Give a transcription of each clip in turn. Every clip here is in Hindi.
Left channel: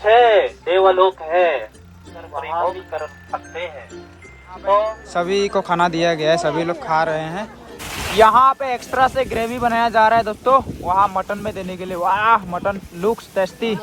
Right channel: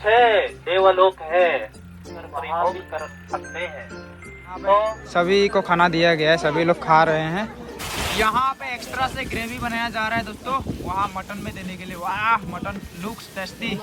6 देवलोक है, वहाँ भी कर सकते हैं। तो सभी को खाना दिया गया है, सभी लोग खा रहे हैं। यहाँ पे एक्स्ट्रा से ग्रेवी बनाया जा रहा है दोस्तों, वहाँ मटन में देने के लिए। वाह, mutton looks tasty.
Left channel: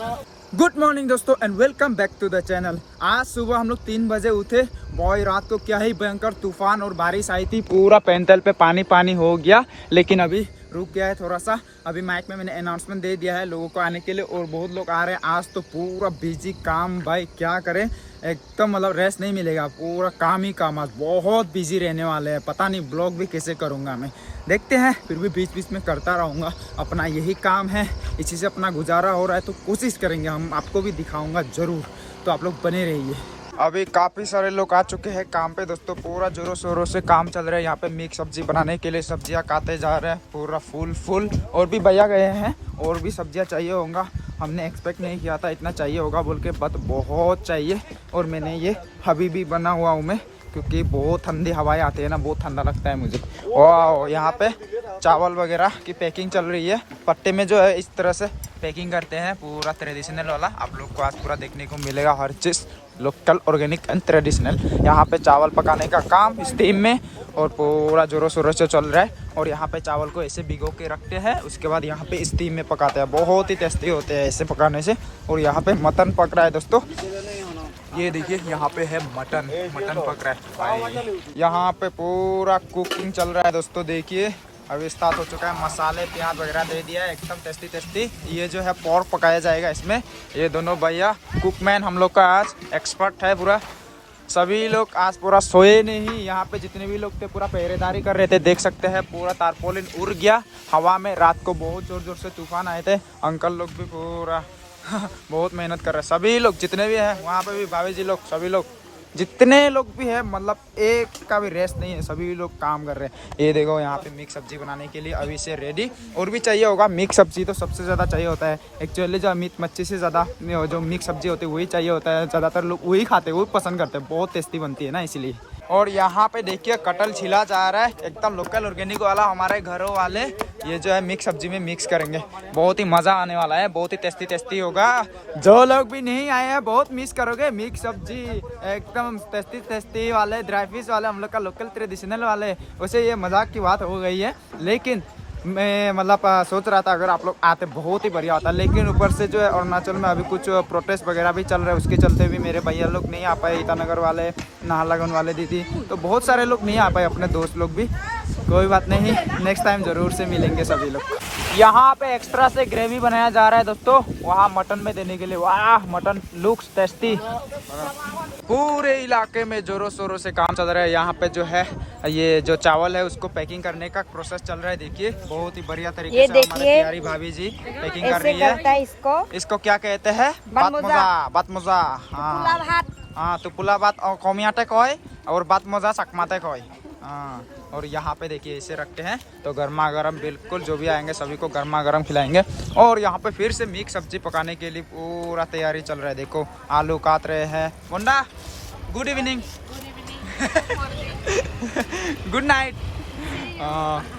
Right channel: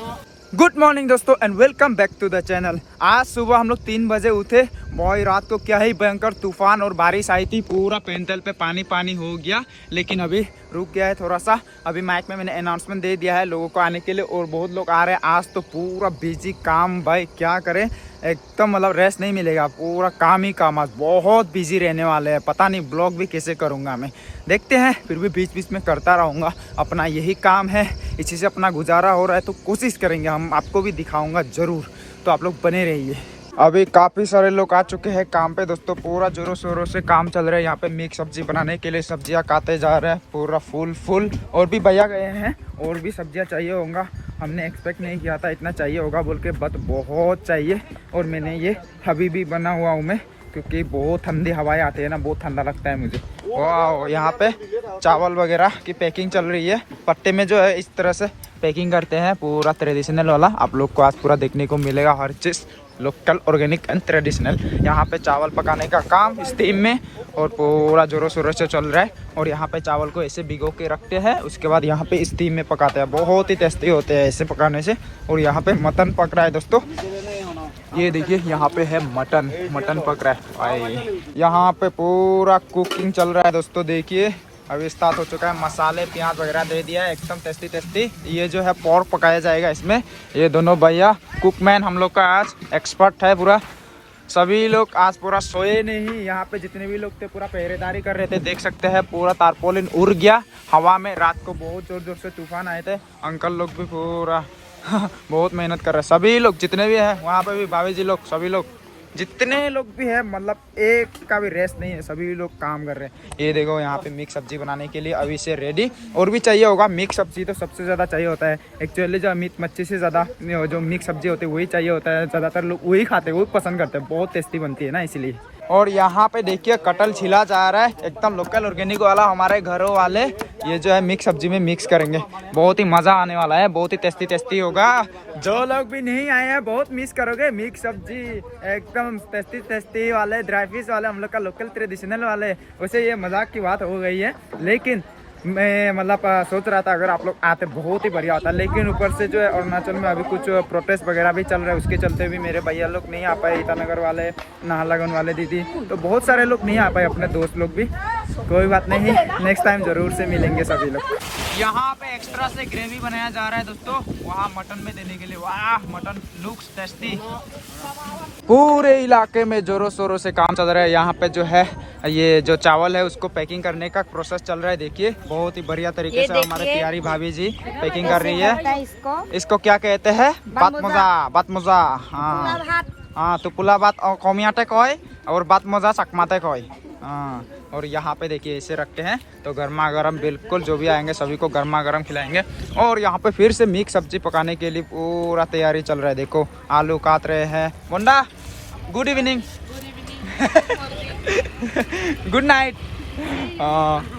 Good morning दोस्तों and welcome back to the channel. आज सुबह हम लोग 3 बजे उठे। बॉय, रात को क्या ही भयंकर तूफान और बारिश आई थी, पूरा पैंतल पे पानी पानी हो गया, लेकिन अभी रुक गया है थोड़ा सा। अभी माइक में मैंने अनाउंसमेंट दे दिया है लोगों को आने के लिए, और बहुत लोग आ रहे हैं। आज तो पूरा बिजी काम, भाई क्या करें, एकदम मतलब रेस्ट नहीं मिलेगा, पूरा काम ही काम। आज बहुत बिजी रहने वाले हैं, पता नहीं ब्लॉग भी कैसे करूँगा मैं, देखते हैं। फिर भी बीच बीच में करता रहूँगा, अपना यही काम है, इसी से अपना गुजारा हो रहा है, तो कोशिश करेंगे, हम आपको भी दिखाऊंगा ज़रूर, तो आप लोग बने रहिए। अभी काफ़ी सारे लोग आ चुके हैं काम पे दोस्तों, पूरा जोरों शोरों से काम चल रहा है। यहाँ पे मिक्स सब्जी बनाने के लिए सब्जियाँ काटे जा रहे हैं, पूरा फुल। और भी भैया गए हैं, और भी सब्जियाँ चाहिए होगा, हमने एक्सपेक्ट नहीं किया था इतना चाहिए होगा बोल के, बट बहुत चाहिए। और मैंने ये अभी भी बना हुआ हूँ मैं, क्योंकि बहुत ठंडी हवाएं आती है ना, बहुत ठंडा लगता है मुझे। वाह, यहाँ पे चावल वगैरह की पैकिंग चल रही है। पट्टे में जो है इस तरह से पैकिंग करते हैं, पूरा ट्रेडिशनल वाला। आप लोग को आज पूरा देखने को मिलेगा, हर चीज़ लोकल, ऑर्गेनिक एंड ट्रेडिशनल। यहाँ पे चावल पकाने का काम स्टीम में और पूरा जोरों शोरों से चल रहा है। और यहाँ पे चावल को ऐसे भिगो के रखते हैं, उसके बाद यहाँ पे स्टीम में पकाते हैं। बहुत ही टेस्टी होते हैं ऐसे पकाने से। और यहाँ पे मटन पक रहा है दोस्तों, ये देखिए यहाँ पे है मटन पक रहा है भाई। यहाँ पे पूरा कुकिंग चल रहा है दोस्तों, देखिए अभी स्टार्ट हो चुका है। मसाले प्याज वगैरह दे दिया है, एकदम टेस्टी। ये जो है पोर्क पकाया जाएगा इसमें। ये दोनों भैया कुकमैन हम लोग का आज एक्सपर्ट है पूरा। सभी लोग आज पूरा सोए नहीं, यहाँ पे जितने भी लोग थे पूरा पहरेदारी कर रहे थे। देख सकते हैं पूरा तारपोलिन उड़ गया हवा में। रात को बहुत जोर से तूफान आए थे, अंकल लोग भी पूरा बहुत मेहनत कर रहे हैं। सभी लोग जितने भी हैं वहाँ पे भी, भाभी जी लोग, सभी लोग जितने लोग भी हैं, मतलब एक का भी रेस्ट नहीं है, सभी लोग काम कर रहे हैं। ये देखो यहाँ पे मिक्स सब्जी बनाने के लिए अभी से रेडी। और भी चाहिए होगा, मिक्स सब्जी तो सबसे ज़्यादा चाहिए होता है एक्चुअली। जो मीट मच्छी से ज़्यादा जो मिक्स सब्जी होती है वही चाहिए होता है, ज़्यादातर लोग वही खाते हैं, वही पसंद करते हैं, बहुत टेस्टी बनती है ना, इसलिए। और यहाँ पे देखिए कटल छिला जा रहा है, एकदम लोकल ऑर्गेनिक वाला, हमारे घरों वाले। ये जो है मिक्स सब्जी में मिक्स करेंगे, बहुत ही मज़ा आने वाला है, बहुत ही टेस्टी होगा। जो लोग भी नहीं आए हैं बहुत मिस करोगे मिक्स सब्जी, एकदम टेस्टी वाले, ड्राई फिश वाले, हम लोग का लोकल ट्रेडिशनल वाले। वैसे ये मजाक की बात हो गई है, लेकिन मैं मतलब सोच रहा था अगर आप लोग आते बहुत ही बढ़िया होता। लेकिन ऊपर से जो है अरुणाचल में अभी कुछ प्रोटेस्ट वगैरह भी चल रहे हैं, उसके चलते भी मेरे भैया लोग नहीं आ पाए, ईटानगर वाले, नाहरलगुन वाले दीदी, तो बहुत सारे लोग नहीं आ पाए, अपने दोस्त लोग भी। कोई बात नहीं, नेक्स्ट टाइम ज़रूर से मिलेंगे सभी लोग। यहाँ पे एक्स्ट्रा से ग्रेवी बनाया जा रहा है दोस्तों, वहाँ मटन में देने के लिए। वाह, मटन लुक्स टेस्टी। पूरे इलाके में जोरों शोरों से काम चल रहा है। यहाँ पे जो है ये जो चावल है उसको पैकिंग करने का प्रोसेस चल रहा है, देखिए बहुत ही बढ़िया तरीके से हमारे प्यारी भाभी जी पैकिंग कर रही है। इसको क्या कहते हैं? बात मोजा। हाँ, तो पुला बात कौमियाटे कोई और बात मोजा सकमाते कोई। हाँ, और यहाँ पे देखिए इसे रखते हैं, तो गर्मा गर्म, बिल्कुल जो भी आएंगे सभी को गर्मा गर्म खिलाएंगे। और यहाँ पे फिर से मिक्स सब्जी पकाने के लिए पूरा तैयारी चल रहा है। देखो आलू काट रहे हैं। मुंडा, गुड इवनिंग। Good night.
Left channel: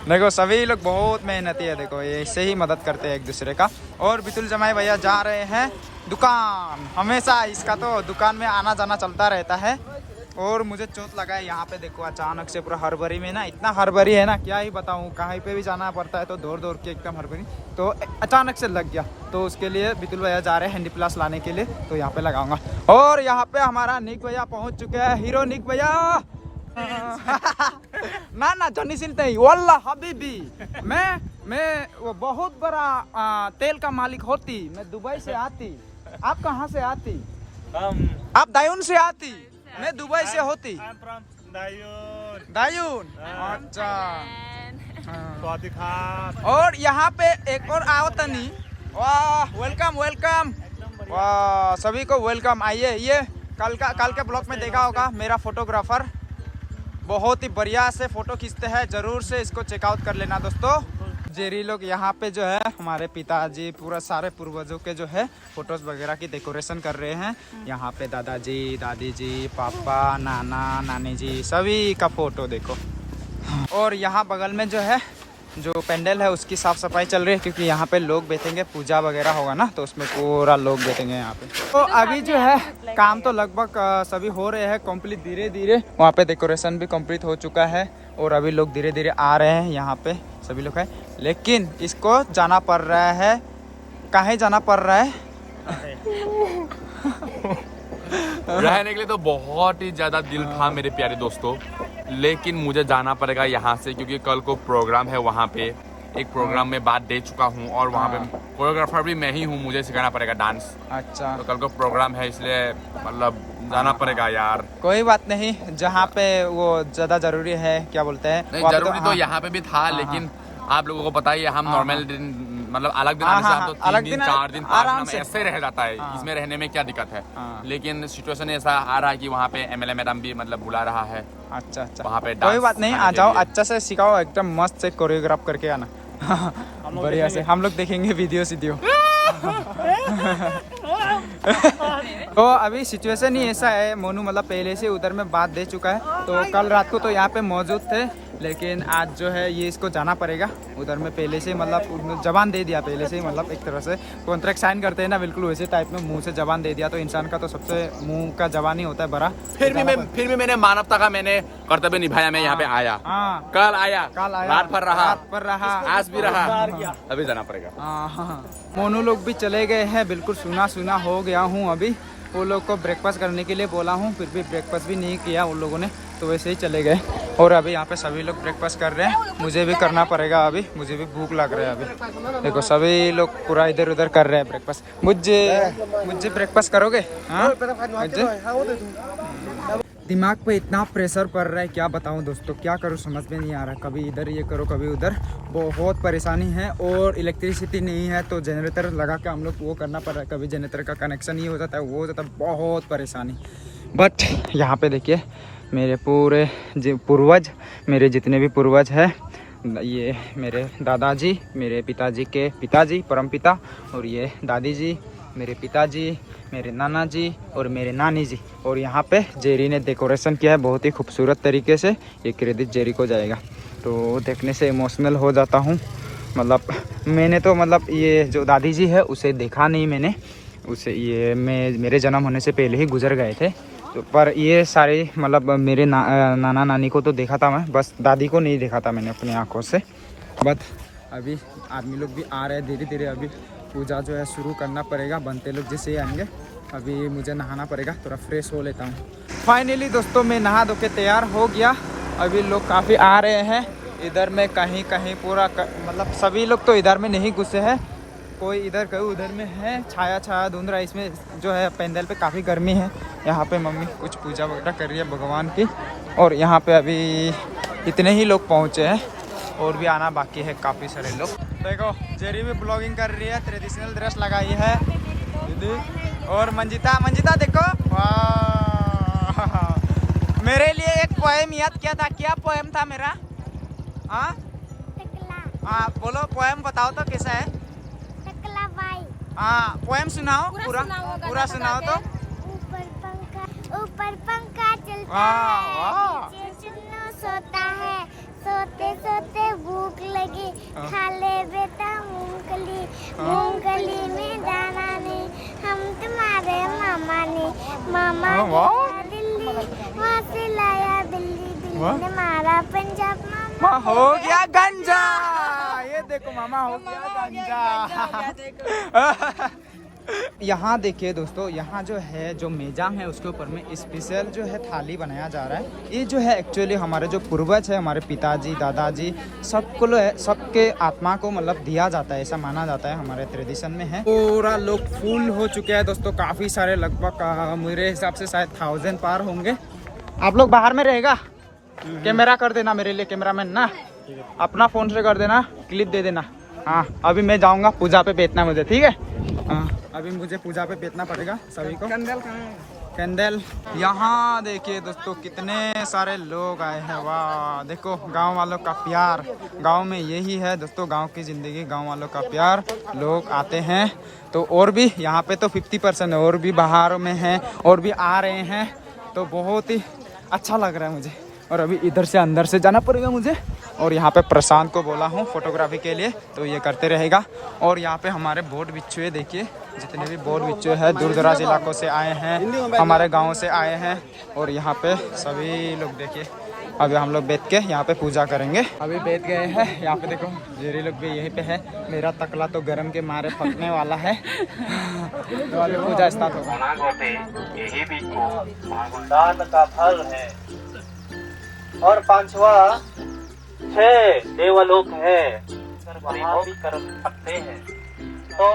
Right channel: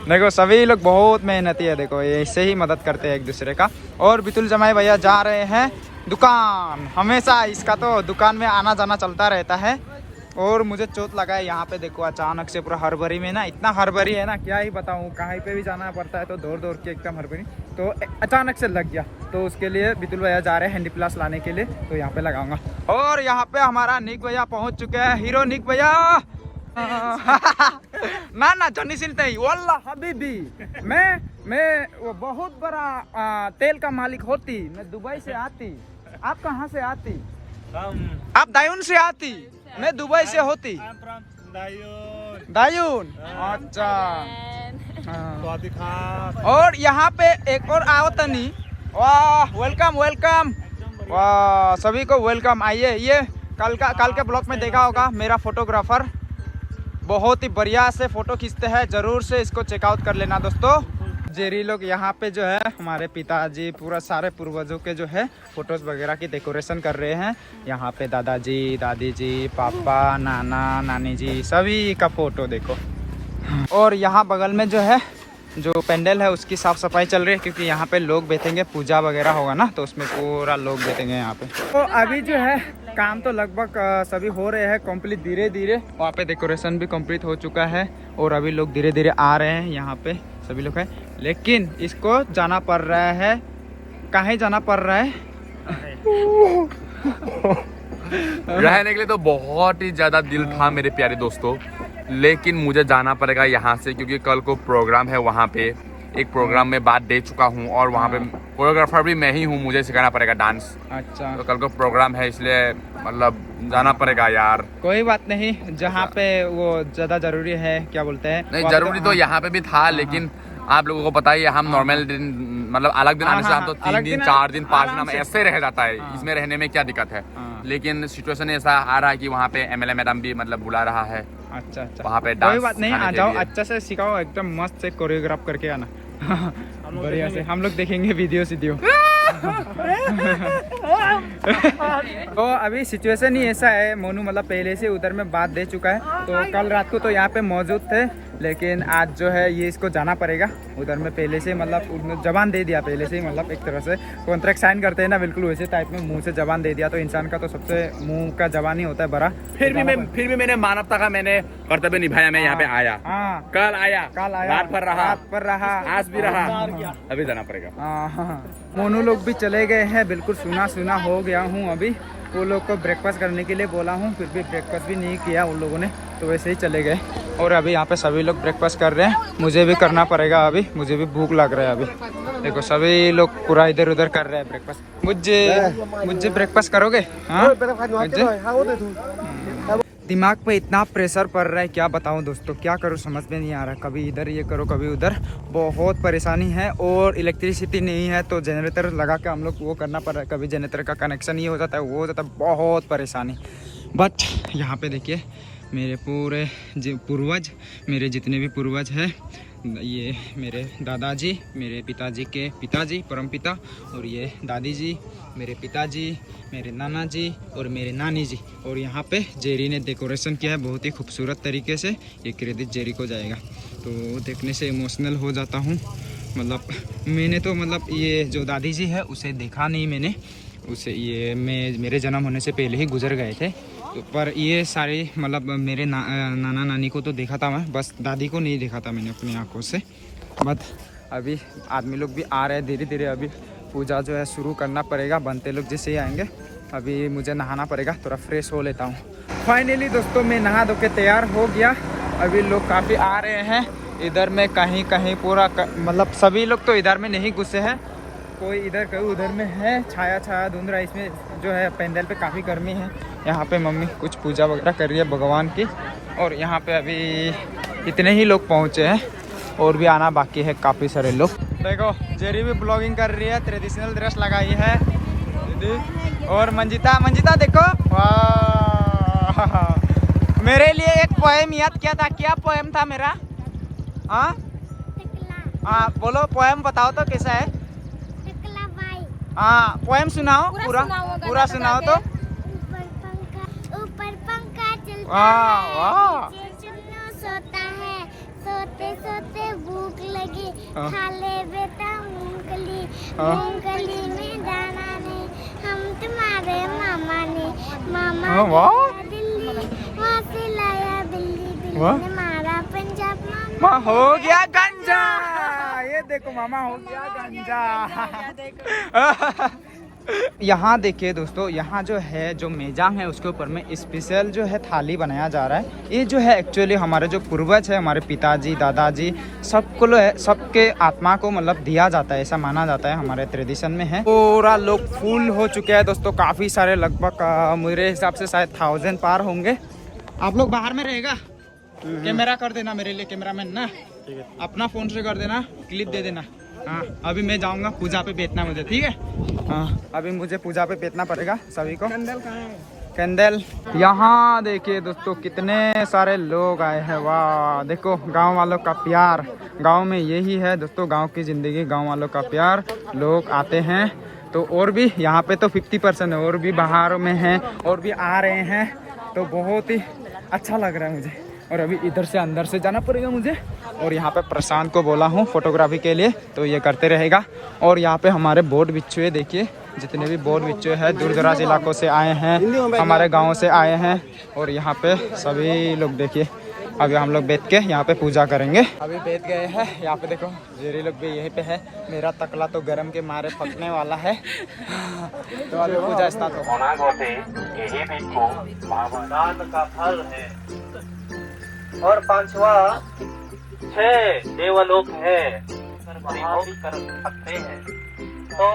देखो सभी लोग बहुत मेहनती है, देखो ऐसे ही मदद करते हैं एक दूसरे का। और बितुल जमाई भैया जा रहे हैं दुकान, हमेशा इसका तो दुकान में आना जाना चलता रहता है। और मुझे चोट लगा है यहाँ पे, देखो अचानक से पूरा हड़बड़ी में ना, इतना हड़बड़ी है ना क्या ही बताऊँ, कहीं पे भी जाना पड़ता है तो दौड़ के एकदम हड़बड़ी, तो अचानक से लग गया। तो उसके लिए बितुल भैया जा रहे हैं हैंडी प्लस लाने के लिए, तो यहाँ पे लगाऊंगा। और यहाँ पे हमारा निक भैया पहुँच चुके हैं, हीरो निक भैया। ना जॉनी सिल्ट नहीं, वल्ला हबीबी, मैं वो बहुत बड़ा तेल का मालिक होती, मैं दुबई से आती। आप कहाँ से आती? आप दायून से आती, मैं दुबई से होती। दायून, अच्छा। और यहाँ पे एक और आओ तनी। वाह, वेलकम। वाह, सभी को वेलकम। आइए, ये कल के ब्लॉग में देखा होगा, मेरा फोटोग्राफर बहुत ही बढ़िया से फोटो खींचते हैं, जरूर से इसको चेकआउट कर लेना दोस्तों। जेरी लोग यहाँ पे जो है हमारे पिताजी, पूरा सारे पूर्वजों के जो है फोटोज वगैरह की डेकोरेशन कर रहे हैं। यहाँ पे दादाजी, दादी जी, पापा, नाना, नानी जी, सभी का फोटो देखो। और यहाँ बगल में जो है जो पेंडल है उसकी साफ सफाई चल रही है, क्योंकि यहाँ पे लोग बैठेंगे, पूजा वगैरह होगा ना, तो उसमें पूरा लोग बैठेंगे यहाँ पे। तो अभी जो है काम तो लगभग सभी हो रहे हैं कंप्लीट धीरे धीरे। वहाँ पे डेकोरेशन भी कंप्लीट हो चुका है और अभी लोग धीरे धीरे आ रहे हैं यहाँ पे, सभी लोग हैं। लेकिन इसको जाना पड़ रहा है, कहाँ जाना पड़ रहा है? रहने के लिए तो बहुत ही ज्यादा दिल था मेरे प्यारे दोस्तों, लेकिन मुझे जाना पड़ेगा यहाँ से, क्योंकि कल को प्रोग्राम है वहाँ पे। एक प्रोग्राम में बात दे चुका हूँ और वहाँ पे कोरियोग्राफर भी मैं ही हूँ, मुझे सिखाना पड़ेगा डांस। अच्छा, तो कल को प्रोग्राम है, इसलिए मतलब जाना पड़ेगा यार। कोई बात नहीं, जहाँ पे वो ज्यादा जरूरी है, क्या बोलते हैं, नहीं जरूरी तो यहाँ पे भी था, लेकिन आप लोगों को पता ही है, हम नॉर्मल दिन मतलब अलग दिन आने से हम तो 3 दिन 4 दिन 5 दिन ऐसे रह जाता है। इसमें रहने में क्या दिक्कत है, लेकिन सिचुएशन ऐसा आ रहा है कि वहाँ पे एमएलए मैडम भी मतलब बुला रहा है। अच्छा अच्छा, वहाँ पे कोई बात नहीं, आ जाओ, अच्छा से सिखाओ, एकदम मस्त से कोरियोग्राफ करके आना। बढ़िया से हम लोग देखेंगे वीडियो सीडियो। तो अभी सिचुएशन ही ऐसा है, मोनू मतलब पहले से उधर में बात दे चुका है, तो कल रात को तो यहाँ पे मौजूद थे, लेकिन आज जो है ये इसको जाना पड़ेगा उधर में। पहले से मतलब जबान दे दिया पहले से ही, मतलब एक तरह से कॉन्ट्रैक्ट साइन करते हैं ना, बिल्कुल वैसे टाइप में मुंह से जबान दे दिया। तो इंसान का तो सबसे मुंह का जबान ही होता है बड़ा। फिर भी मैंने मानवता का मैंने कर्तव्य निभाया, मैं यहाँ पे आया। हाँ, कल आया, रात पर रहा, आज भी रहा, अभी जाना पड़ेगा। हाँ, मोनू लोग भी चले गए हैं, बिल्कुल सुना सुना हो गया हूँ अभी। वो लोग को ब्रेकफास्ट करने के लिए बोला हूँ, फिर भी ब्रेकफास्ट भी नहीं किया उन लोगों ने, तो वैसे ही चले गए। और अभी यहाँ पे सभी लोग ब्रेकफास्ट कर रहे हैं, मुझे भी करना पड़ेगा अभी, मुझे भी भूख लग रहा है अभी। देखो सभी लोग पूरा इधर उधर कर रहे हैं ब्रेकफास्ट। मुझे ब्रेकफास्ट करोगे? हाँ, दिमाग पे इतना प्रेशर पड़ रहा है, क्या बताऊं दोस्तों, क्या करूं समझ में नहीं आ रहा। कभी इधर ये करो, कभी उधर, बहुत परेशानी है। और इलेक्ट्रिसिटी नहीं है, तो जनरेटर लगा के हम लोग वो करना पड़ रहा है। कभी जनरेटर का कनेक्शन ये हो जाता है, वो हो जाता है, बहुत परेशानी। बट यहाँ पे देखिए मेरे पूरे पूर्वज, मेरे जितने भी पूर्वज हैं, ये मेरे दादाजी, मेरे पिताजी के पिताजी परमपिता, और ये दादी जी, मेरे पिताजी, मेरे नाना जी और मेरे नानी जी। और यहाँ पे जेरी ने डेकोरेशन किया है बहुत ही खूबसूरत तरीके से, ये क्रेडिट जेरी को जाएगा। तो देखने से इमोशनल हो जाता हूँ। मतलब मैंने तो मतलब ये जो दादी जी है उसे देखा नहीं मैंने, उसे ये मेरे जन्म होने से पहले ही गुजर गए थे। तो पर ये सारे मतलब मेरे नाना नानी को तो देखा था मैं, बस दादी को नहीं देखा था मैंने अपनी आँखों से। बट अभी आदमी लोग भी आ रहे हैं धीरे धीरे, अभी पूजा जो है शुरू करना पड़ेगा, बनते लोग जैसे ही आएंगे। अभी मुझे नहाना पड़ेगा, थोड़ा फ्रेश हो लेता हूँ। फाइनली दोस्तों मैं नहा धो के तैयार हो गया। अभी लोग काफ़ी आ रहे हैं इधर में, कहीं कहीं पूरा मतलब सभी लोग तो इधर में नहीं घुसे हैं, कोई इधर कोई उधर में है। छाया छाया धुंध रहा है, इसमें जो है पेंडल पे काफ़ी गर्मी है। यहाँ पे मम्मी कुछ पूजा वगैरह कर रही है भगवान की, और यहाँ पे अभी इतने ही लोग पहुँचे हैं, और भी आना बाकी है काफ़ी सारे लोग। देखो जेरी भी ब्लॉगिंग कर रही है, ट्रेडिशनल ड्रेस लगाई है दीदी। और मंजिता देखो, वाह, मेरे लिए एक पोएम याद किया था। क्या पोएम था मेरा? हाँ हाँ, बोलो पोएम बताओ तो कैसा है। हाँ, पोएम सुनाओ, पूरा सुनाओ तो। ऊपर पंखा चलता वाह है, वाह, नीचे चुन्नू सोता है, सोते सोते भूख लगी, खा ले बेटा मूंगफली, मूंगफली में दाना नहीं, हम तुम्हारे मामा ने, मामा ने दिल्ली, वहाँ से लाया दिल्ली, दिल्ली ने मारा पंजाब, मामा हो गया गंजा। ये देखो मामा हो गया गंजा। यहाँ देखिए दोस्तों, यहाँ जो है जो मेजांग है उसके ऊपर में स्पेशल जो है थाली बनाया जा रहा है। ये जो है एक्चुअली हमारे जो पूर्वज है, हमारे पिताजी दादाजी, सबके आत्मा को मतलब दिया जाता है, ऐसा माना जाता है, हमारे ट्रेडिशन में है। पूरा लोग फुल हो चुके हैं दोस्तों, काफ़ी सारे, लगभग मेरे हिसाब से शायद 1000 पार होंगे। आप लोग बाहर में रहेगा, कैमरा कर देना मेरे लिए, कैमरामैन ना, अपना फ़ोन से कर देना, क्लिप दे देना। हाँ, अभी मैं जाऊँगा पूजा पे बैठना मुझे, ठीक है। हाँ, अभी मुझे पूजा पे बैठना पड़ेगा सभी को। कैंडल कहाँ है? कैंडल यहाँ देखिए दोस्तों, कितने सारे लोग आए हैं। वाह, देखो गांव वालों का प्यार, गांव में यही है दोस्तों, गांव की ज़िंदगी, गांव वालों का प्यार। लोग आते हैं तो, और भी यहाँ पे तो 50% है, और भी बाहर में हैं, और भी आ रहे हैं, तो बहुत ही अच्छा लग रहा है मुझे। और अभी इधर से अंदर से जाना पड़ेगा मुझे, और यहाँ पे प्रशांत को बोला हूँ फोटोग्राफी के लिए, तो ये करते रहेगा। और यहाँ पे हमारे बोट बिच्छू है, देखिए जितने भी बोट बिच्छू है दूर दराज इलाकों से आए हैं, हमारे गाँव से आए हैं। और यहाँ पे सभी लोग देखिए, अभी हम लोग बैठ के यहाँ पे पूजा करेंगे। अभी बैठ गए हैं यहाँ पे, देखो जेरी लोग भी यहीं पे है। मेरा तकला तो गर्म के मारे पकने वाला है। तो अभी पूजा स्टार्ट होगा। यही भी को दान का फल है। और पांचवा 6 देवलोक है, भोग कर सकते हैं। तो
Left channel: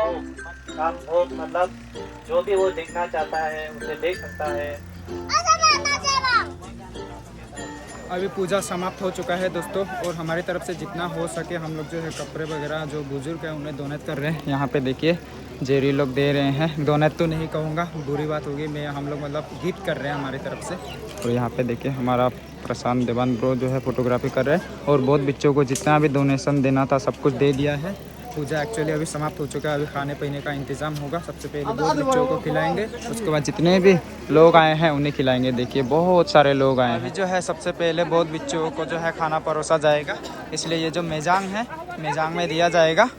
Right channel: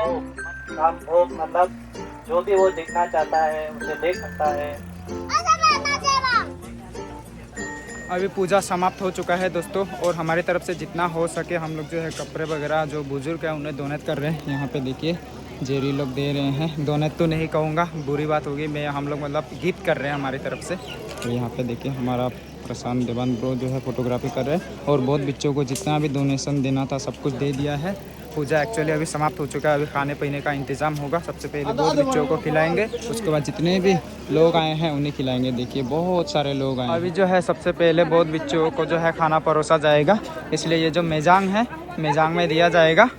काम भोग मतलब जो भी वो देखना चाहता है उसे देख सकता है। अभी पूजा समाप्त हो चुका है दोस्तों, और हमारी तरफ से जितना हो सके हम लोग जो है कपड़े वगैरह जो बुजुर्ग हैं उन्हें डोनेट कर रहे हैं। यहाँ पे देखिए जेरी लोग दे रहे हैं। डोनेट तो नहीं कहूँगा, बुरी बात होगी, मैं हम लोग मतलब गिफ्ट कर रहे हैं हमारी तरफ से। और यहाँ पे देखिए हमारा प्रशांत देवान ब्रो जो है फोटोग्राफी कर रहे हैं। और बहुत बच्चों को जितना भी डोनेशन देना था सब कुछ दे दिया है। पूजा एक्चुअली अभी समाप्त हो चुका है। अभी खाने पीने का इंतजाम होगा। सबसे पहले बहुत बच्चों को खिलाएंगे, उसके बाद जितने भी लोग आए हैं उन्हें खिलाएंगे। देखिए बहुत सारे लोग आए हैं। अभी जो है सबसे पहले बहुत बच्चों को जो है खाना परोसा जाएगा, इसलिए ये जो मेजांग है मेजांग में दिया जाएगा।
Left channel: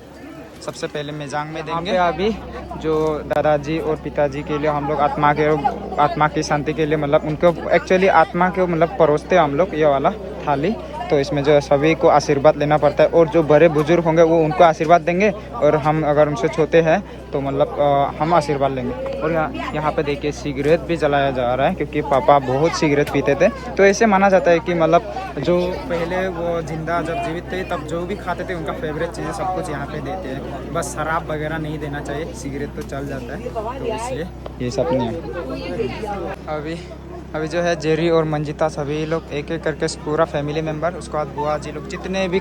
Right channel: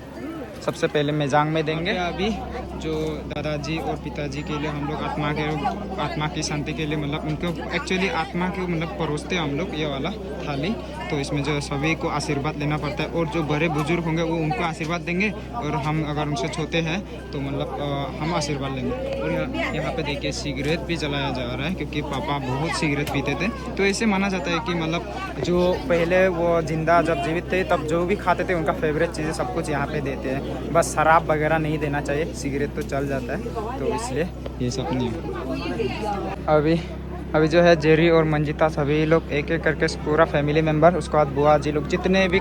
सबसे पहले मेजांग में देंगे। अभी जो दादाजी और पिताजी के लिए हम लोग आत्मा की शांति के लिए मतलब उनको एक्चुअली आत्मा को मतलब परोसते हैं हम लोग ये वाला थाली। तो इसमें जो है सभी को आशीर्वाद लेना पड़ता है, और जो बड़े बुजुर्ग होंगे वो उनको आशीर्वाद देंगे, और हम अगर उनसे छोटे हैं तो मतलब हम आशीर्वाद लेंगे। और यहाँ पे देखिए सिगरेट भी जलाया जा रहा है, क्योंकि पापा बहुत सिगरेट पीते थे। तो ऐसे माना जाता है कि मतलब जो पहले वो जिंदा जब जीवित थे तब जो भी खाते थे उनका फेवरेट चीज़ें सब कुछ यहाँ पे देते हैं। बस शराब वगैरह नहीं देना चाहिए, सिगरेट तो चल जाता है, तो इसलिए ये सब नहीं। अभी जो है जेरी और मंजिता सभी लोग एक एक करके पूरा फैमिली मेम्बर, उसके बाद बुआ जी लोग, जितने भी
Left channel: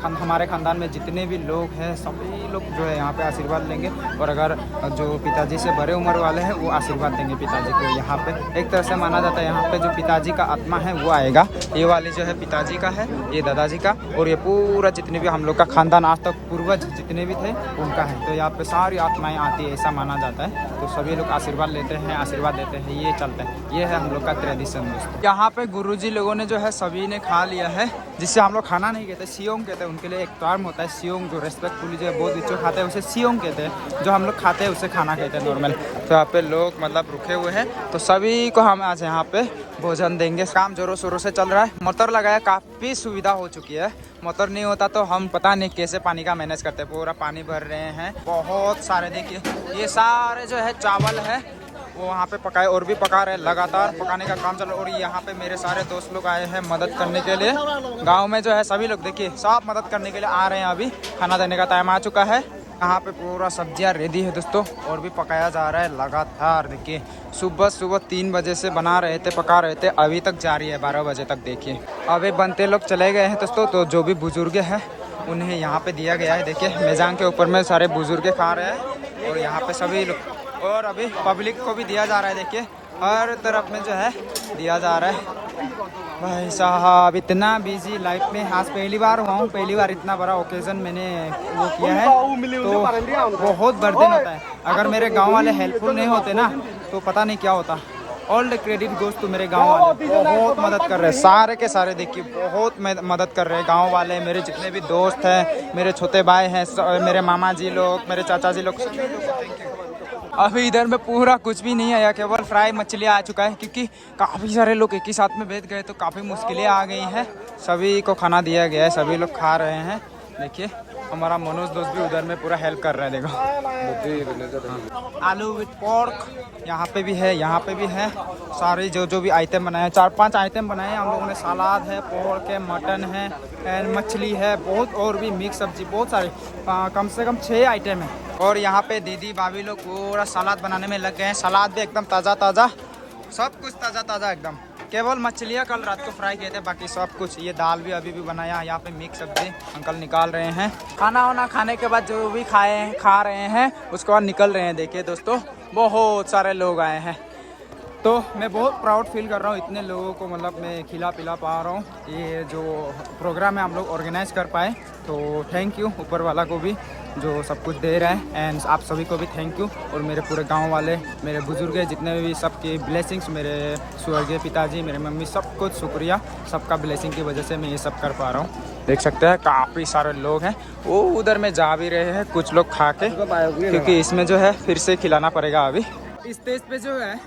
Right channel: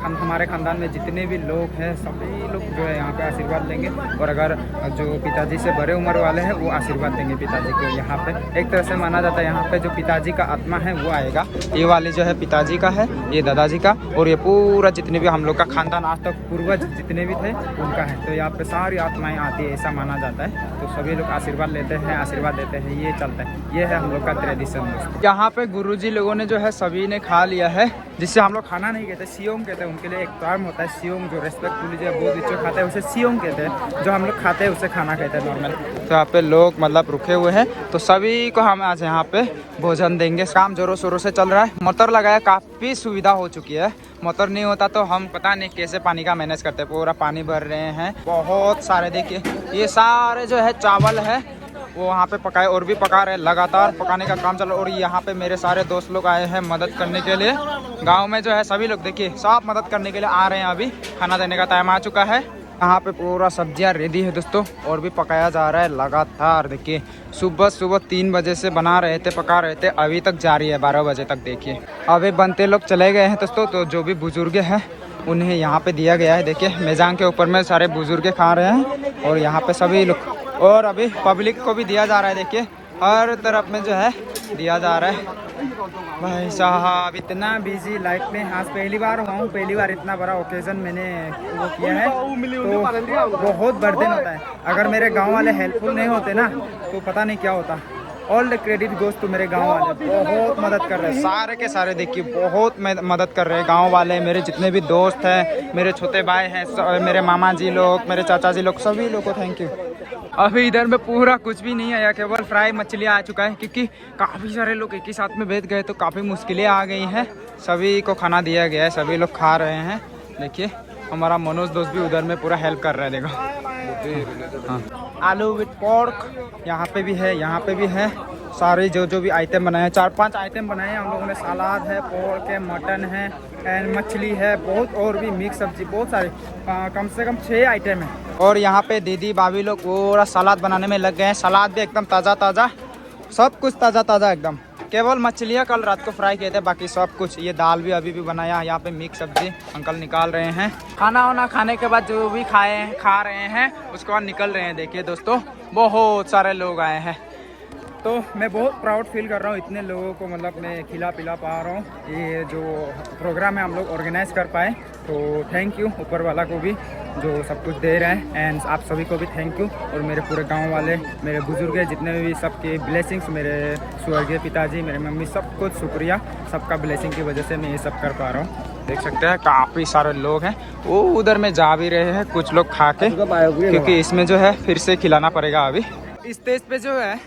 हमारे खानदान में जितने भी लोग हैं सभी लोग जो है यहाँ पे आशीर्वाद लेंगे। और अगर जो पिताजी से बड़े उम्र वाले हैं वो आशीर्वाद देंगे पिताजी को। यहाँ पे एक तरह से माना जाता है यहाँ पे जो पिताजी का आत्मा है वो आएगा। ये वाली जो है पिताजी का है, ये दादाजी का, और ये पूरा जितने भी हम लोग का खानदान आज तक पूर्वज जितने भी थे उनका है। तो यहाँ पे सारी आत्माएँ आती है, ऐसा माना जाता है। तो सभी लोग आशीर्वाद लेते हैं, आशीर्वाद देते हैं, ये चलता है। ये है हम लोग का ट्रेडिशन दोस्तों। यहाँ पे गुरुजी लोगों ने जो है सभी ने खा लिया है, जिससे हम लोग खाना नहीं कहते, सियोंग कहते हैं। उनके लिए एक टर्म होता है सियोंग, जो रेस्पेक्टफुली जो है बहुत बच्चे खाते हैं उसे सियोंग कहते हैं। जो हम लोग खाते हैं उसे खाना कहते हैं नॉर्मल। तो यहाँ पे लोग मतलब रुके हुए हैं, तो सभी को हम आज यहाँ पे भोजन देंगे। काम जोरों शोरों से चल रहा है। मोटर लगाया, काफ़ी सुविधा हो चुकी है। मोटर नहीं होता तो हम पता नहीं कैसे पानी का मैनेज करते। पूरा पानी भर रहे हैं, बहुत सारे। देखिए ये सारे जो है चावल है वो वहाँ पे पकाए, और भी पका रहे हैं, लगातार पकाने का काम चल रहा है। और यहाँ पे मेरे सारे दोस्त लोग आए हैं मदद करने के लिए। गांव में जो है सभी लोग देखिए सब मदद करने के लिए आ रहे हैं। अभी खाना देने का टाइम आ चुका है। यहाँ पे पूरा सब्जियाँ रेडी है दोस्तों, और भी पकाया जा रहा है लगातार। देखिए सुबह 3 बजे से बना रहे थे, पका रहे थे, अभी तक जारी है 12 बजे तक। देखिए अभी बनते लोग चले गए हैं दोस्तों। तो जो भी बुजुर्ग हैं उन्हें यहाँ पे दिया गया है। देखिए मेजांग के ऊपर में सारे बुजुर्ग खा रहे हैं, और यहाँ पे सभी लोग, और अभी पब्लिक को भी दिया जा रहा है। देखिए हर तरफ में जो है दिया जा रहा है। भाई साहब इतना बिजी लाइफ में आज पहली बार हुआ हूँ, पहली बार इतना बड़ा ओकेजन मैंने वो किया है, तो बहुत बर्डन होता है। अगर मेरे गांव वाले हेल्पफुल नहीं होते ना तो पता नहीं क्या होता। All the credit goes to मेरे गांव वाले, बहुत मदद कर रहे हैं, सारे के सारे। देखिए बहुत मदद कर रहे हैं गांव वाले। मेरे जितने भी दोस्त हैं, मेरे छोटे भाई हैं, मेरे मामा जी लोग, मेरे चाचा जी लोग, सभी लोगों को थैंक यू। अभी इधर में पूरा कुछ भी नहीं आया, केवल फ्राई मछलियाँ आ चुका है, क्योंकि काफ़ी सारे लोग एक ही साथ में बैठ गए तो काफ़ी मुश्किलें आ गई हैं। सभी को खाना दिया गया है, सभी लोग खा रहे हैं। देखिए हमारा मनोज दोस्त भी उधर में पूरा हेल्प कर रहा है। देखो हाँ, आलू विथ पोर्क यहाँ पे भी है, यहाँ पे भी है। सारे जो भी आइटम बनाए हैं, 4-5 आइटम बनाए हैं हम लोगों ने। सलाद है, पोर्क है, मटन है, एंड मछली है, बहुत और भी मिक्स सब्जी, बहुत सारे, कम से कम 6 आइटम है। और यहाँ पे दीदी भाभी लोग पूरा सलाद बनाने में लग गए हैं। सलाद भी एकदम ताज़ा, सब कुछ ताज़ा एकदम। केवल मछलियाँ कल रात को फ्राई किए थे, बाकी सब कुछ। ये दाल भी अभी भी बनाया। यहाँ पे मिक्स सब्जी अंकल निकाल रहे हैं। खाना वाना खाने के बाद जो भी खा रहे हैं उसके बाद निकल रहे हैं। देखिए दोस्तों बहुत सारे लोग आए हैं। तो मैं बहुत प्राउड फील कर रहा हूँ, इतने लोगों को मतलब मैं खिला पिला पा रहा हूँ। ये जो प्रोग्राम है हम लोग ऑर्गेनाइज कर पाए, तो थैंक यू ऊपर वाला को भी जो सब कुछ दे रहा है, एंड आप सभी को भी थैंक यू। और मेरे पूरे गांव वाले, मेरे बुजुर्ग है जितने भी, सबके ब्लेसिंग्स, मेरे स्वर्गीय पिताजी, मेरे मम्मी, सब कुछ शुक्रिया, सबका ब्लेसिंग की वजह से मैं ये सब कर पा रहा हूँ। देख सकते हैं काफ़ी सारे लोग हैं, वो उधर में जा भी रहे हैं कुछ लोग खा के, क्योंकि इसमें जो है फिर से खिलाना पड़ेगा। अभी स्टेज पे जो है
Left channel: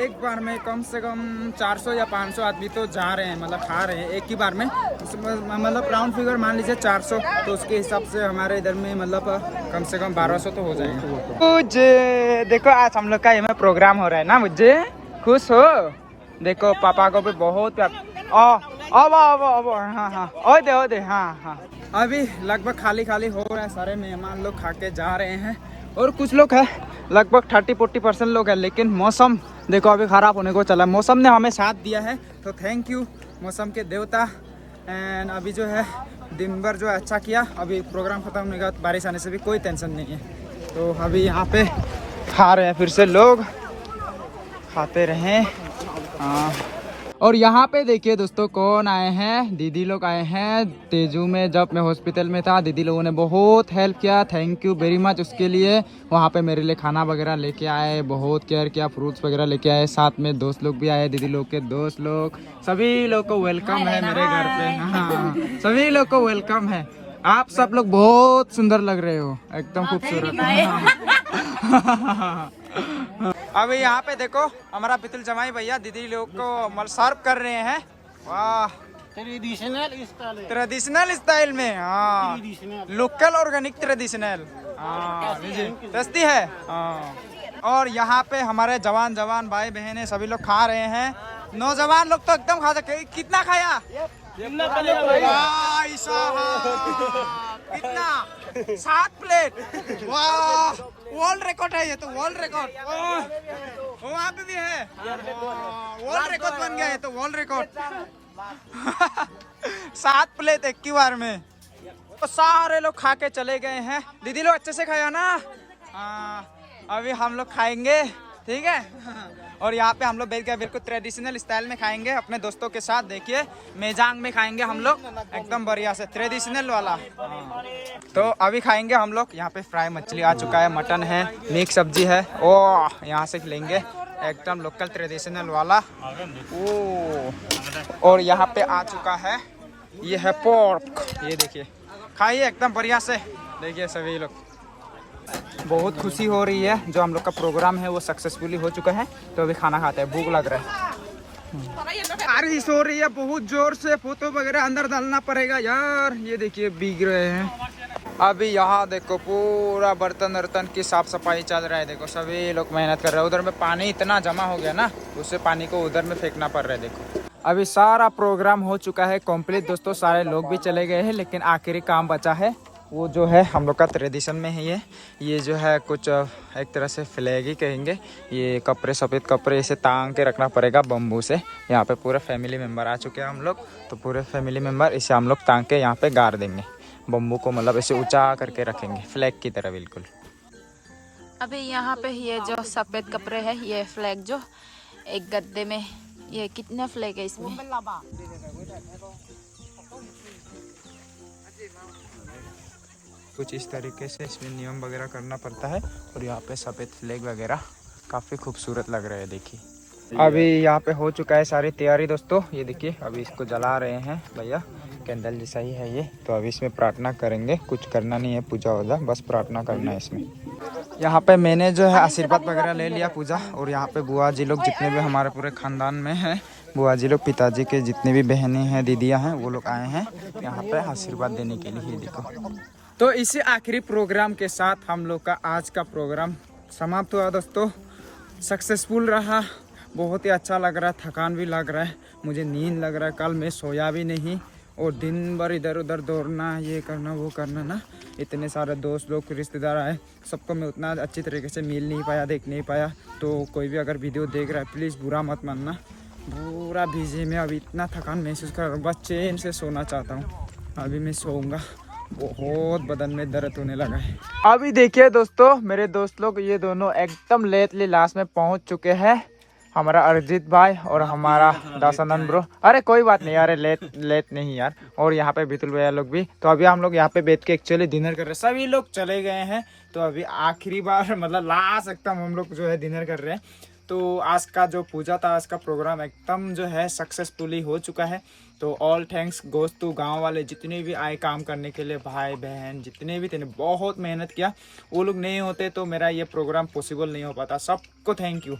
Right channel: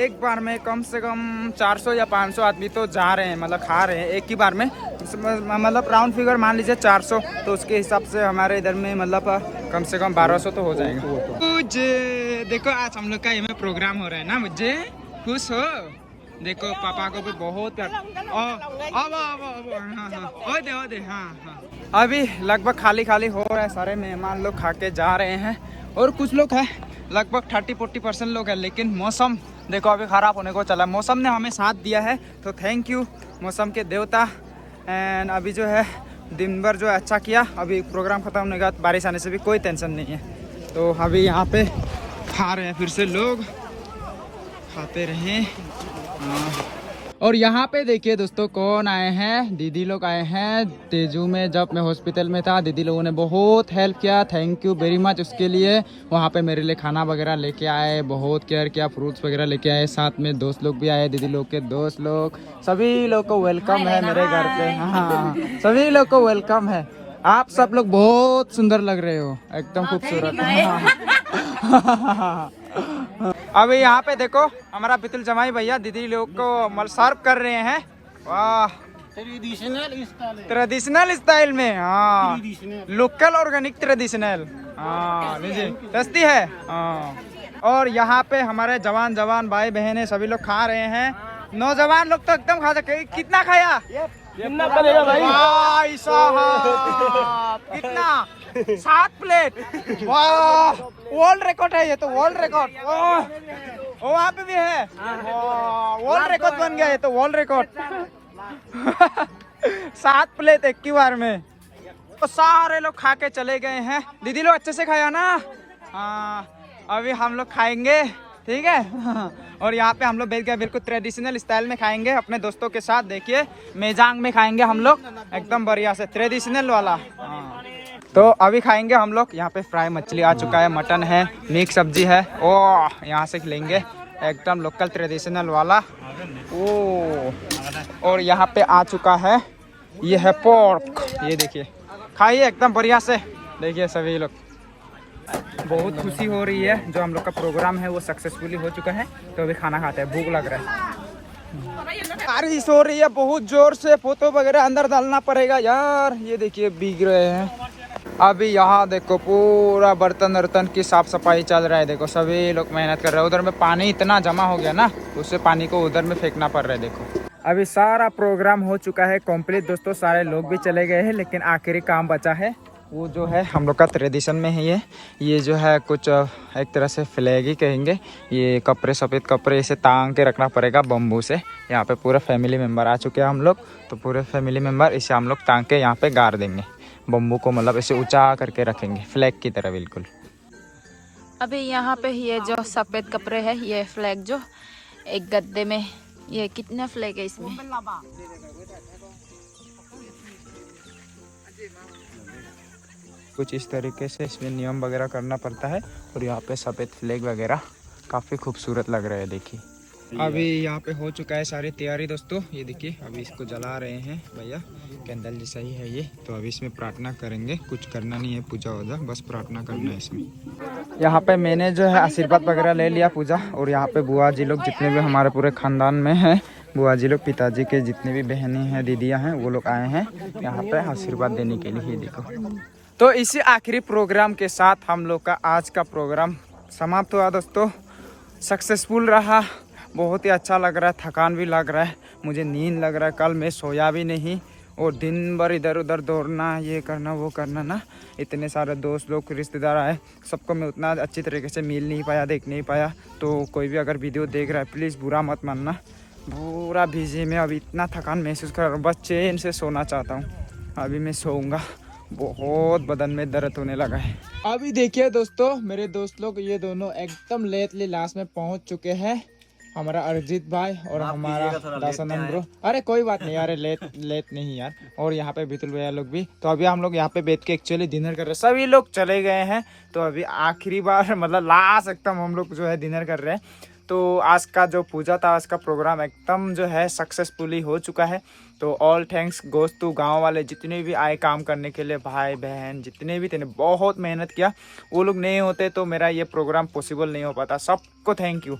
एक बार में कम से कम 400 या 500 आदमी तो जा रहे हैं, मतलब खा रहे हैं एक ही बार में, मतलब राउंड फिगर मान लीजिए 400, तो उसके हिसाब से हमारे इधर में मतलब कम से कम 1200 तो हो जाएंगे। मुझे देखो आज हम लोग का ये में प्रोग्राम हो रहा है ना, मुझे खुश हो। देखो पापा को भी बहुत प्यार। अब हाँ ओ दे हाँ। अभी लगभग खाली खाली हो रहा है, सारे मेहमान लोग खा के जा रहे हैं, और कुछ लोग है लगभग 30-40% लोग हैं, लेकिन मौसम देखो अभी ख़राब होने को चला। मौसम ने हमें साथ दिया है, तो थैंक यू मौसम के देवता। एंड अभी जो है दिन भर जो है अच्छा किया, अभी प्रोग्राम ख़त्म होने के बाद बारिश आने से भी कोई टेंशन नहीं है। तो अभी यहाँ पे खा रहे हैं, फिर से लोग खाते रहें। हाँ, और यहाँ पे देखिए दोस्तों कौन आए हैं, दीदी लोग आए हैं। तेजू में जब मैं हॉस्पिटल में था, दीदी लोगों ने बहुत हेल्प किया, थैंक यू वेरी मच उसके लिए। वहाँ पे मेरे लिए खाना वगैरह लेके आए, बहुत केयर किया, फ्रूट्स वगैरह लेके आए, साथ में दोस्त लोग भी आए, दीदी लोग के दोस्त लोग, सभी लोग को वेलकम है मेरे घर पे। हाँ, सभी लोग को वेलकम है। आप सब लोग बहुत सुंदर लग रहे हो, एकदम खूबसूरत। अभी यहाँ पे देखो हमारा बितुल जमाई भैया दीदी लोग को सर्व कर रहे हैं। वाह, ट्रेडिशनल स्टाइल में। हाँ, लोकल ऑर्गेनिक ट्रेडिशनल। हाँ लीजिए, टेस्टी है। हाँ, और यहाँ पे हमारे जवान भाई बहने सभी लोग खा रहे हैं। नौजवान लोग तो एकदम खा सकते। कितना खाया? भाई साहब कितना? 7 प्लेट। वाह, वर्ल्ड रिकॉर्ड है ये तो, वर्ल्ड रिकॉर्ड। वहाँ पे भी है, वर्ल्ड रिकॉर्ड बन गया ये तो, वर्ल्ड रिकॉर्ड। 7 प्लेट एक ही बार में। तो सारे लोग खा के चले गए हैं। दीदी लोग अच्छे से खाया ना? हाँ, अभी हम लोग खाएंगे, ठीक है। और यहाँ पे हम लोग बैठ गए, बिल्कुल ट्रेडिशनल स्टाइल में खाएंगे अपने दोस्तों के साथ। देखिए मेजांग में खाएंगे हम लोग, एकदम बढ़िया से ट्रेडिशनल वाला। हाँ, तो अभी खाएंगे हम लोग। यहाँ पे फ्राई मछली आ चुका है, मटन है, मिक्स सब्जी है। ओह, यहाँ से लेंगे एकदम लोकल ट्रेडिशनल वाला। ओह, और यहाँ पे आ चुका है, ये है पोर्क। ये देखिए, खाइए एकदम बढ़िया से। देखिए सभी लोग, बहुत खुशी हो रही है, जो हम लोग का प्रोग्राम है वो सक्सेसफुली हो चुका है। तो अभी खाना खाते हैं, भूख लग रहा है। बारिश हो रही है बहुत जोर से, फोटो वगैरह अंदर डालना पड़ेगा यार। ये देखिए भीग रहे हैं। अभी यहाँ देखो पूरा बर्तन वर्तन की साफ सफाई चल रहा है। देखो सभी लोग मेहनत कर रहे हैं। उधर में पानी इतना जमा हो गया ना, उससे पानी को उधर में फेंकना पड़ रहा है। देखो अभी सारा प्रोग्राम हो चुका है कंप्लीट दोस्तों, सारे लोग भी चले गए हैं, लेकिन आखिरी काम बचा है। वो जो है हम लोग का ट्रेडिशन में है ये जो है कुछ एक तरह से फ्लैग ही कहेंगे। ये कपड़े, सफ़ेद कपड़े इसे टांग के रखना पड़ेगा बम्बू से। यहाँ पे पूरे फैमिली मेम्बर आ चुके हैं हम लोग, तो पूरे फैमिली मेम्बर इसे हम लोग टांग के यहाँ पे गाड़ देंगे। बम्बू को मतलब इसे ऊंचा करके रखेंगे, फ्लैग की तरह बिल्कुल। अभी यहाँ पे ये जो सफ़ेद कपड़े है, ये फ्लैग जो एक गद्दे में, ये कितना फ्लैग है इसमें? कुछ इस तरीके से इसमें नियम वगैरह करना पड़ता है। और यहाँ पे सफ़ेद फ्लैग वगैरह काफ़ी खूबसूरत लग रहा है। देखिए अभी यहाँ पे हो चुका है सारी तैयारी दोस्तों। ये देखिए अभी इसको जला रहे हैं भैया, कैंडल जैसा ही है ये। तो अभी इसमें प्रार्थना करेंगे, कुछ करना नहीं है पूजा वूजा, बस प्रार्थना करना है इसमें। यहाँ पे मैंने जो है आशीर्वाद वगैरह ले लिया पूजा। और यहाँ पे बुआ जी लोग जितने भी हमारे पूरे खानदान में हैं, बुआ जी लोग, पिताजी के जितनी भी बहनें हैं, दीदियाँ हैं, वो लोग आए हैं यहाँ पे आशीर्वाद देने के लिए। देखो, तो इसी आखिरी प्रोग्राम के साथ हम लोग का आज का प्रोग्राम समाप्त हुआ दोस्तों। सक्सेसफुल रहा, बहुत ही अच्छा लग रहा है, थकान भी लग रहा है, मुझे नींद लग रहा है। कल मैं सोया भी नहीं, और दिन भर इधर उधर दौड़ना, ये करना वो करना ना। इतने सारे दोस्त लोग, रिश्तेदार आए, सबको मैं उतना अच्छी तरीके से मिल नहीं पाया, देख नहीं पाया। तो कोई भी अगर वीडियो देख रहा है प्लीज़ बुरा मत मानना। पूरा भीजे में अभी इतना थकान महसूस कर रहा हूँ, बस चैन से सोना चाहता हूँ। अभी मैं सोऊंगा, बहुत बदन में दर्द होने लगा है। अभी देखिए दोस्तों, मेरे दोस्त लोग ये दोनों एकदम लेटली लास्ट में पहुंच चुके हैं। हमारा अरिजीत भाई और हमारा दासानंद ब्रो। अरे कोई बात नहीं यार, लेट नहीं यार। और यहाँ पे बितुल भैया लोग भी। तो अभी हम लोग यहाँ पे बैठ के एक्चुअली डिनर कर रहे हैं। सभी लोग चले गए हैं तो अभी आखिरी बार मतलब लास्ट एकदम हम लोग जो है डिनर कर रहे हैं। तो आज का जो पूजा था, आज का प्रोग्राम एकदम जो है सक्सेसफुली हो चुका है। तो ऑल थैंक्स गोज टू गाँव वाले जितने भी आए काम करने के लिए, भाई बहन जितने भी थे, बहुत मेहनत किया। वो लोग नहीं होते तो मेरा ये प्रोग्राम पॉसिबल नहीं हो पाता। सबको थैंक यू।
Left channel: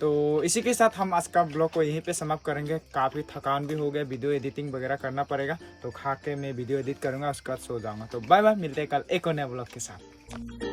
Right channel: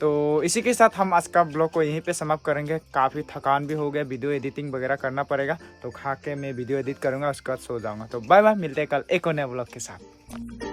तो इसी के साथ हम आज का ब्लॉग को यहीं पे समाप्त करेंगे। काफ़ी थकान भी हो गया, वीडियो एडिटिंग वगैरह करना पड़ेगा। तो खा के मैं वीडियो एडिट करूँगा, उसके बाद सो जाऊँगा। तो बाय बाय, मिलते हैं कल एक और नए ब्लॉग के साथ।